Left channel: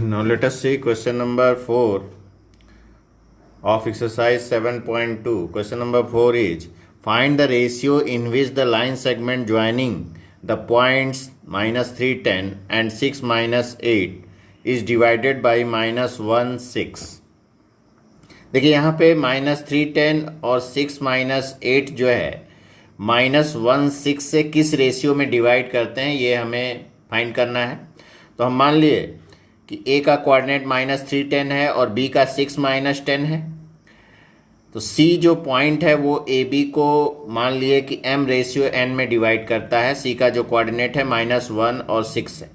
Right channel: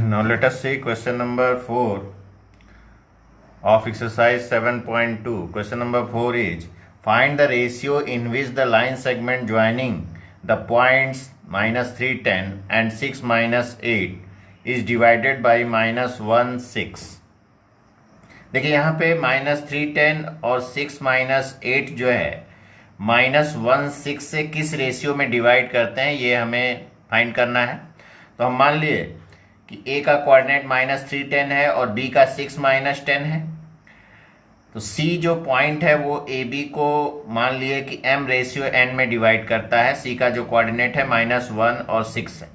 Now let us see question number 4 of exercise 7.2. Question number 4 is find the ratio in which the line segment joining the points -310 and 6-8 is divided by -1 6. देखिए यहाँ पे -310 और 6-8 जो है -1 6 से किस ratio में डिवाइड करते हैं ये हमें फाइंड करना है। तो हम मान लिए कि ए का कोऑर्डिनेट -310 है और बी का 6-10 है। तो सी जो पॉइंट है वो ए बी को मान लिए कि m/n में डिवाइड करता है। सी का जो कोऑर्डिनेट है -1 और 6 है,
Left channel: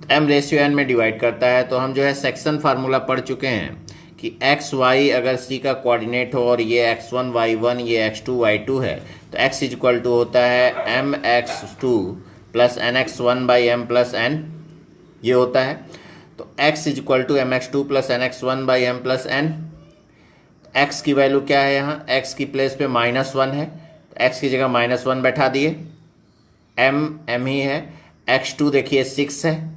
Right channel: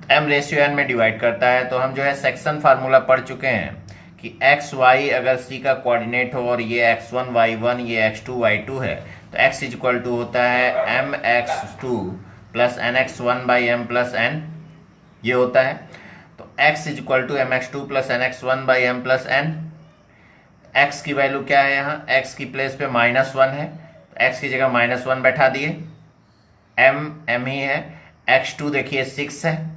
तो m/n में डिवाइड करता है। तो हम जो है सेक्शन फार्मूला पढ़ चुके हैं कि एक्स वाई अगर सी का कोऑर्डिनेट हो और ये x1 y1 ये x2 y2 है, तो x इक्वल टू होता है mx2 प्लस nx1/m+n ये होता है। तो x equal to mx2 plus nx1/m+n। x की वैल्यू क्या है, यहाँ x की प्लेस पे -1 है, तो x की जगह -1 बैठा दिए। m ही है, x2 देखिए 6 है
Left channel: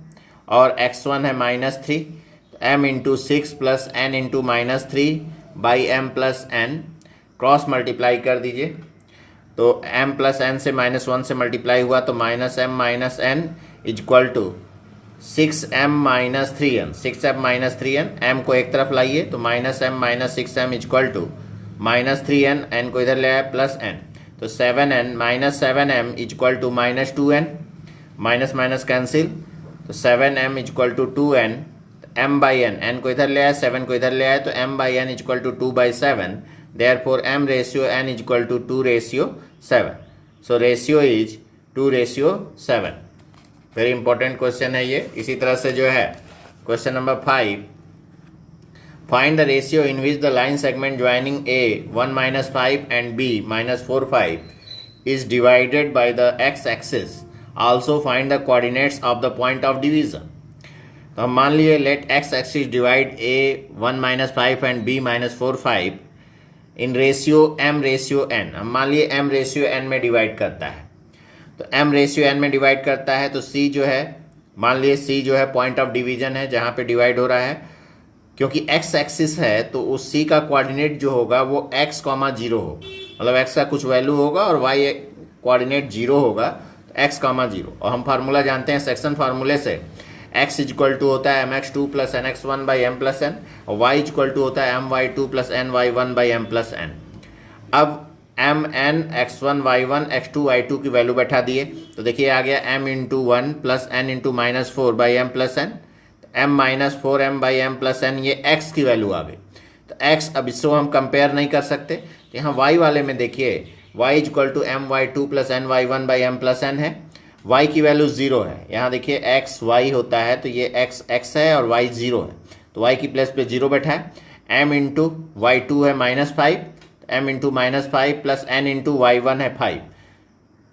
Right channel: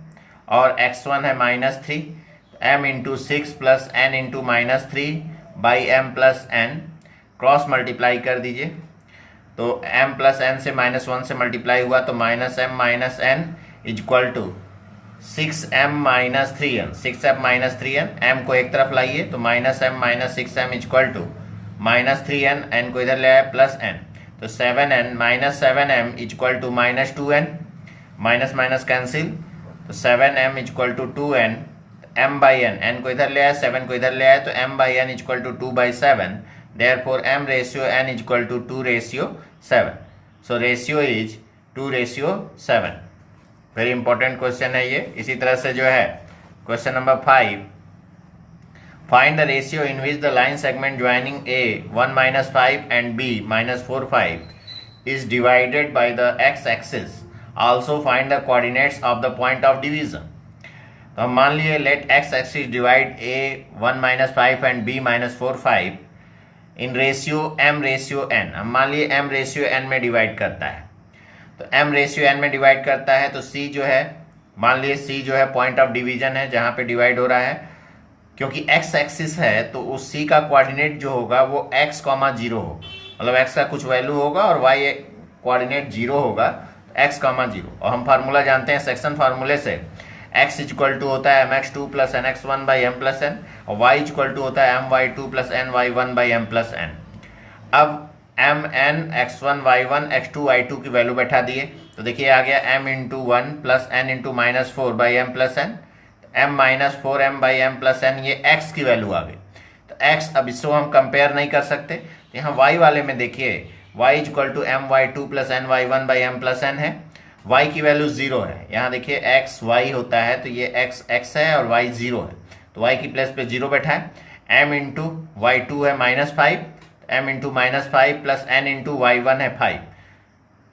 और x1 है -3, तो m into 6 plus n into -3/m+n cross multiply कर दीजिए। तो m प्लस n से -1 से मल्टीप्लाई हुआ तो -m-n equal to 6m-3n 6m-3n, m को एक तरफ लाइए तो -m-6m equal to -3n, n को इधर ले आए प्लस n, तो 7n-7m equal to -2n, minus cancel, तो 7m equal to 2n, m/n, n को इधर ले आए 7 को इधर ले आए तो m/n equal to 2/7, therefore m/n equal to 2/7। So ratio is 2/7। Very important question है ये। इसी तरह से जो है question number 5, find the ratio in which the line segment joining A 1-5 and B -4-5 is divided by the x axis. Also find the coordinates of the point of division. तो हम मान लिए let x axis divide A 1-5 and B -4-5 in ratio m/n। हम मान लिए m/n में divide करता है, तो m/n में डिवाइड करता है तो c जो है, मान लिए c जो है पॉइंट ऑफ डिवीजन है जहाँ पे डिवाइड हो रहा है। क्योंकि x एक्सिस है तो उस c का कोऑर्डिनेट जो होगा वो x, 0 हो, मतलब x का कुछ वैल्यू होगा और y कोऑर्डिनेट 0 होगा, तो x, 0। और हम फार्मूला जानते हैं सेक्शन फार्मूले से, x इक्वल टू होता है mx2 प्लस nx1/m+n और y इक्वल टू होता है my2 प्लस ny1/m+n। अब mn x1 y1 x2 y2 की वैल्यू बैठा दिए, तो देखिए आ गया m into 1 plus n into -4/m+n, m-4m/m+n ये x की वैल्यू आ गई। तो x अब इसको हम कंपेयर नहीं कर सकते, तो यहाँ y वाले में देखिए y equal to my2 plus ny1/m+n है, y की वैल्यू 0 है। यहाँ देखिए x y होता है तो ये x है और y 0 है, तो y की प्लेस पे 0 बैठा है। m इंटू y2 है -5, m into -5 plus n into y1 है 5,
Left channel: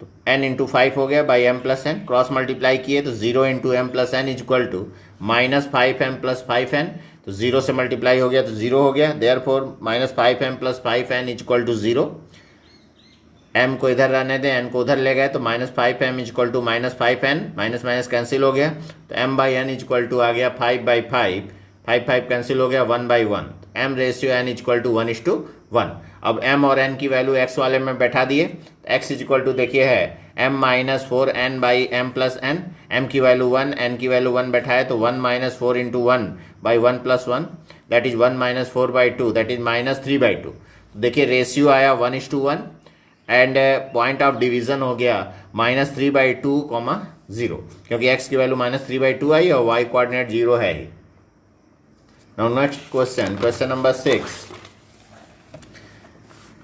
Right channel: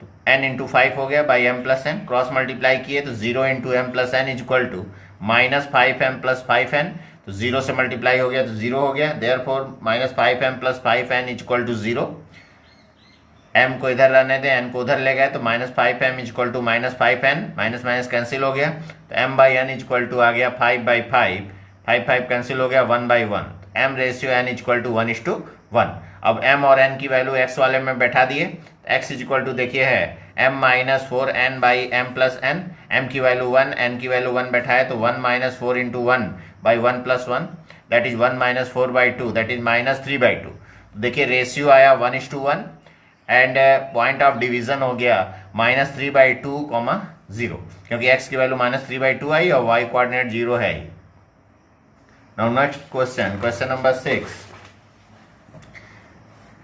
तो n इंटू 5 हो गया /m+n, क्रॉस मल्टीप्लाई किए तो 0 into m+n equal to -5m plus 5n, तो 0 से मल्टीप्लाई हो गया तो 0 हो गया, therefore -5m plus 5n equal to 0। m को इधर रहने दें, n को उधर ले गए तो -5m equal to -5n, minus cancel हो गया, तो m/n इक्वल टू आ गया 5/5, 5 कैंसिल हो गया 1/1, m/n इक्वल टू 1:1। अब m और n की वैल्यू x वाले में बैठा दिए, x इक्वल टू देखिए है m-4n/m+n, m की वैल्यू 1, n की वैल्यू 1 बैठा है तो 1 - 4 into 1/1+1 that is 1 - 4/2 that is -3/2। देखिए रेशियो आया 1:1 एंड पॉइंट ऑफ डिवीजन हो गया -3/2, 0, क्योंकि x की वैल्यू -3/2 आई और y कोऑर्डिनेट 0 है ही। Now next question, question number 6।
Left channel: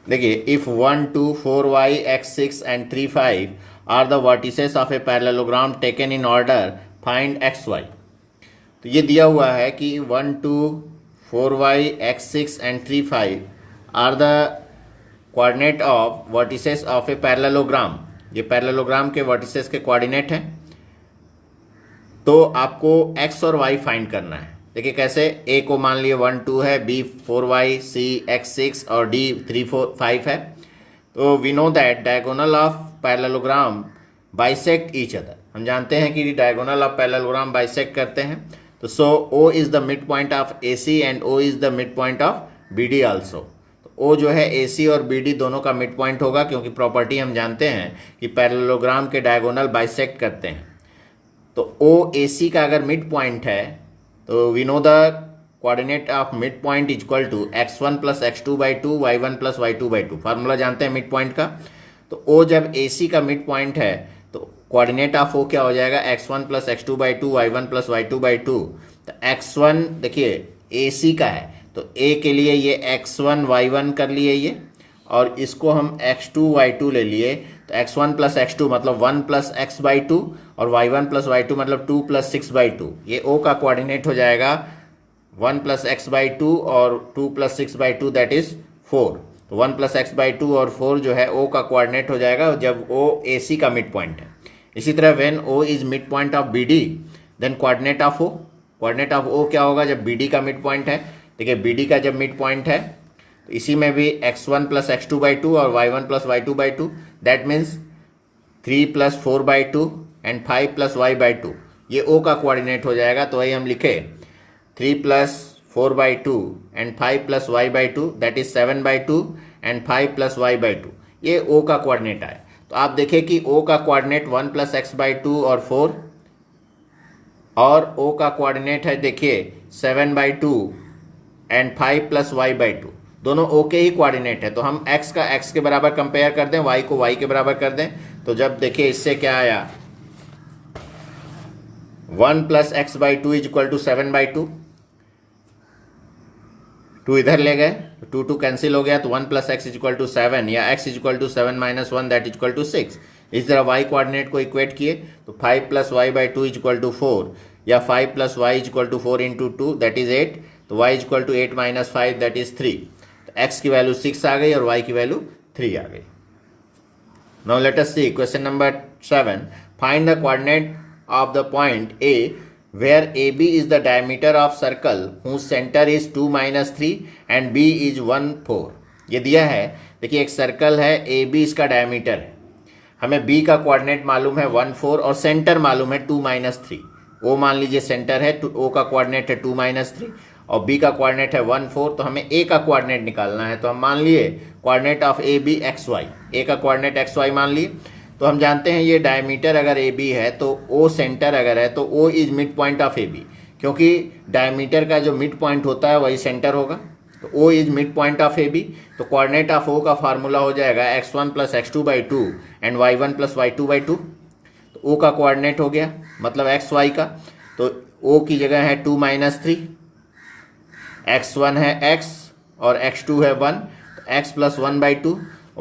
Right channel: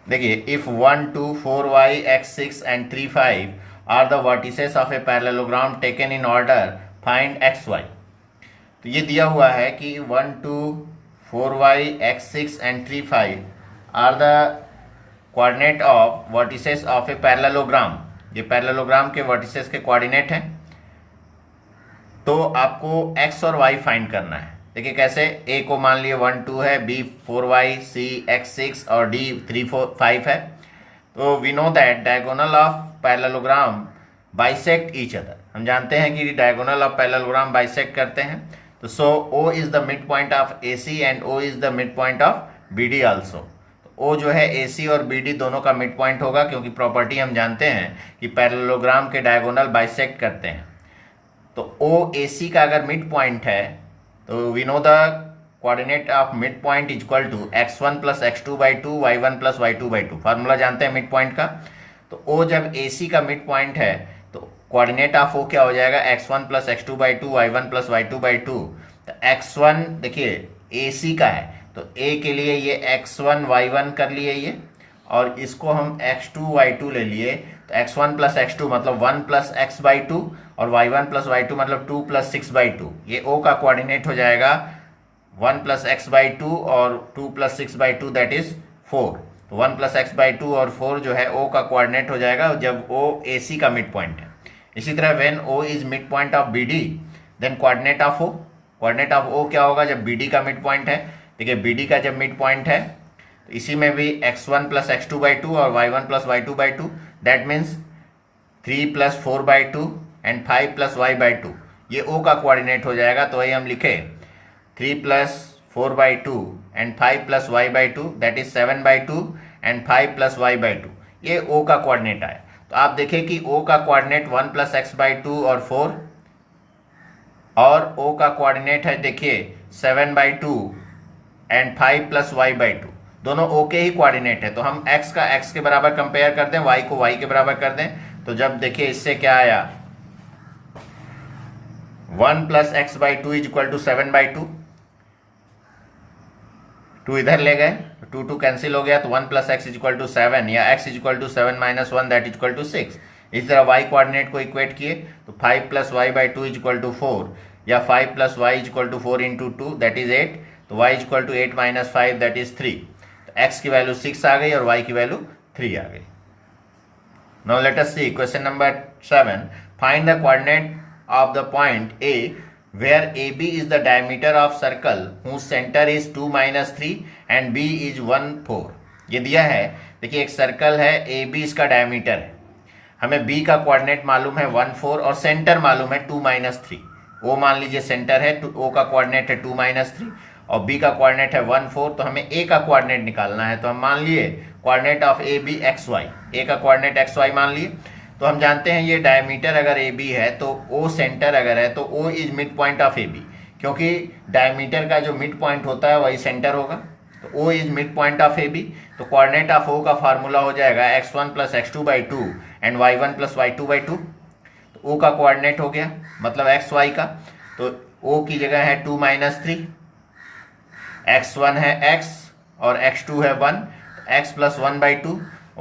देखिए if 1 2 4 y x 6 and 3 5 are the vertices of a parallelogram taken in order, find x y. तो ये दिया हुआ है कि 1 2 4 y x 6 and 3 5 are the coordinate of vertices of a parallelogram. ये parallelogram के vertices के कोऑर्डिनेट हैं, तो आपको x और y फाइंड करना है। देखिए कैसे, a को मान लिए 1 2 है, b 4y, c x 6 और d 3 4 5 है। तो we know that diagonal of parallelogram bisect each other. हम जानते हैं कि डायगोनल ऑफ पैरेललोग्राम बाइसेक्ट करते हैं, तो so O is the mid point of A C and O is the mid point of B D also. O जो है ए सी और बी डी दोनों का मिड पॉइंट होगा, क्योंकि प्रॉपर्टी हम जानते हैं कि पैरेललोग्राम के डायगोनल बाइसेक्ट करते हैं। तो ओ ए सी का अगर मिड पॉइंट है तो we know the coordinate of mid point is equal to x1 plus x2 by two y1 plus y2 by two. Formula जानते हैं मिड पॉइंट का। तो ओ जब ए सी का मिड पॉइंट है तो कोऑर्डिनेट ऑफ ओ क्या हो जाएगा, x1 plus x2 by two y1 plus y2 by two. तो x1 देखिए ए सी का है तो a के लिए ये x1 y1 कर लिए ये, और इसको हम x2 y2 ले लिए। तो x1 प्लस x2 मतलब 1 प्लस x बाई टू और y1 प्लस y2 मतलब 2 प्लस 6 बाई टू। ये o का कोऑर्डिनेट हो जाएगा 1 प्लस एक्स बाई टू और 2 plus 6 by two that is 4। तो 1 प्लस एक्स बाई टू और 4 जो है o का कोऑर्डिनेट हो जाएगा जब o ए सी का मिड पॉइंट है। इसी तरह when o is mid point of B D then coordinate of o, coordinate of o क्या होगा जब बी डी का मिड पॉइंट है। देखिए बी डी का जब मिड पॉइंट है तो इसी में भी x1 plus x2 by to और y1 plus y2 by to, that means 3 plus 4 by two and 5 plus y by two, ये o का कोऑर्डिनेट हो जाएगा। तो वही हम लिखे 3 plus 4 by two and 5 plus y by two that is 7 by two and 5 plus y by two, ये o का कोऑर्डिनेट आया। तो आप देखिए कि o का coordinate 1 plus x by to और 4, और o का कोऑर्डिनेट है देखिए 7 by two and 5 plus y by two, दोनों o के ही कोऑर्डिनेट है। तो हम x का x के बराबर कंपेयर कर दें, y को y के बराबर कर दें। तो जब देखिए इससे क्या आया 1 plus x by two is equal to 7 by two, 2 इधर ले गए 2 कैंसिल हो गया तो 1 plus x is equal to 7 या x is equal to 7 minus 1 that is equal to 6। इस तरह y कोऑर्डिनेट को इक्वेट किए तो 5 plus y by two is equal to 4 या 5 plus y is equal to 4 into 2 that is 8। तो y is equal to 8 minus 5 that is 3। तो x की value 6 आ गई और y की वैल्यू 3 आ गई। Now let us see question number 7। Find the coordinate of the point A where AB is the diameter of circle whose center is 2 minus 3 and B is 1 4। ये दिया है, देखिए एक सर्कल है AB इसका डायमीटर है, हमें B का कोऑर्डिनेट मालूम है 1 4 और सेंटर मालूम है 2 माइनस 3। O मान लीजिए सेंटर है, O का कोऑर्डिनेट है 2 माइनस 3 और B का कोऑर्डिनेट है 1 4। तो हमें A का कोऑर्डिनेट निकालना है। तो हम मान लिए coordinate of AB XY, A का कोऑर्डिनेट XY मान लिए। तो हम जानते हैं ये डायमीटर अगर ए बी है तो ओ सेंटर अगर है तो O is mid point of A B, क्योंकि डायमीटर का जो मिड पॉइंट होता है वही सेंटर होगा। तो O is mid point of A B. तो कोऑर्डिनेट ऑफ ओ का फार्मूला हो जाएगा x1 plus x2 by two and y1 plus y2 by two. तो ओ का कोऑर्डिनेट हो गया मतलब एक्स वाई का। तो ओ की जगह है 2 माइनस 3, x1 है x और x2 है 1, x plus 1 by two,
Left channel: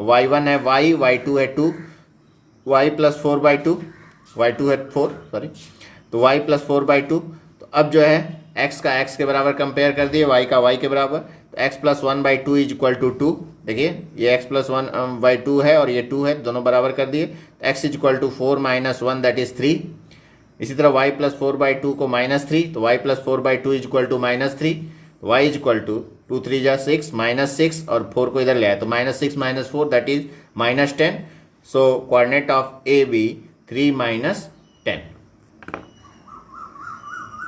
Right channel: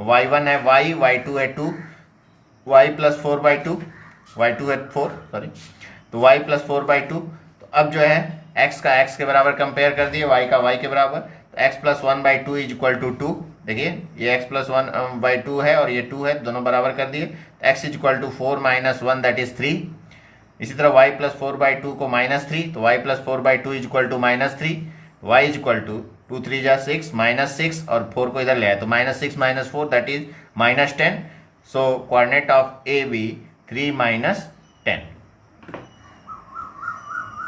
y1 है y, y2 है 2, y plus 4 by to, y2 है 4 सॉरी, तो y प्लस 4 बाई टू। तो अब जो है x का x के बराबर कंपेयर कर दिए, y का y के बराबर। तो x plus 1 by two is equal to 2। देखिए ये x प्लस 1 बाई टू है और ये 2 है, दोनों बराबर कर दिए। x is equal to 4 minus 1 that is 3। इसी तरह y प्लस 4 बाई टू को माइनस 3, तो y plus 4 by two is equal to minus 3। y is equal to 2 3 जा 6 माइनस 6 और 4 को इधर ले आए तो minus 6 minus 4 that is minus 10। So coordinate of AB 3 minus 10।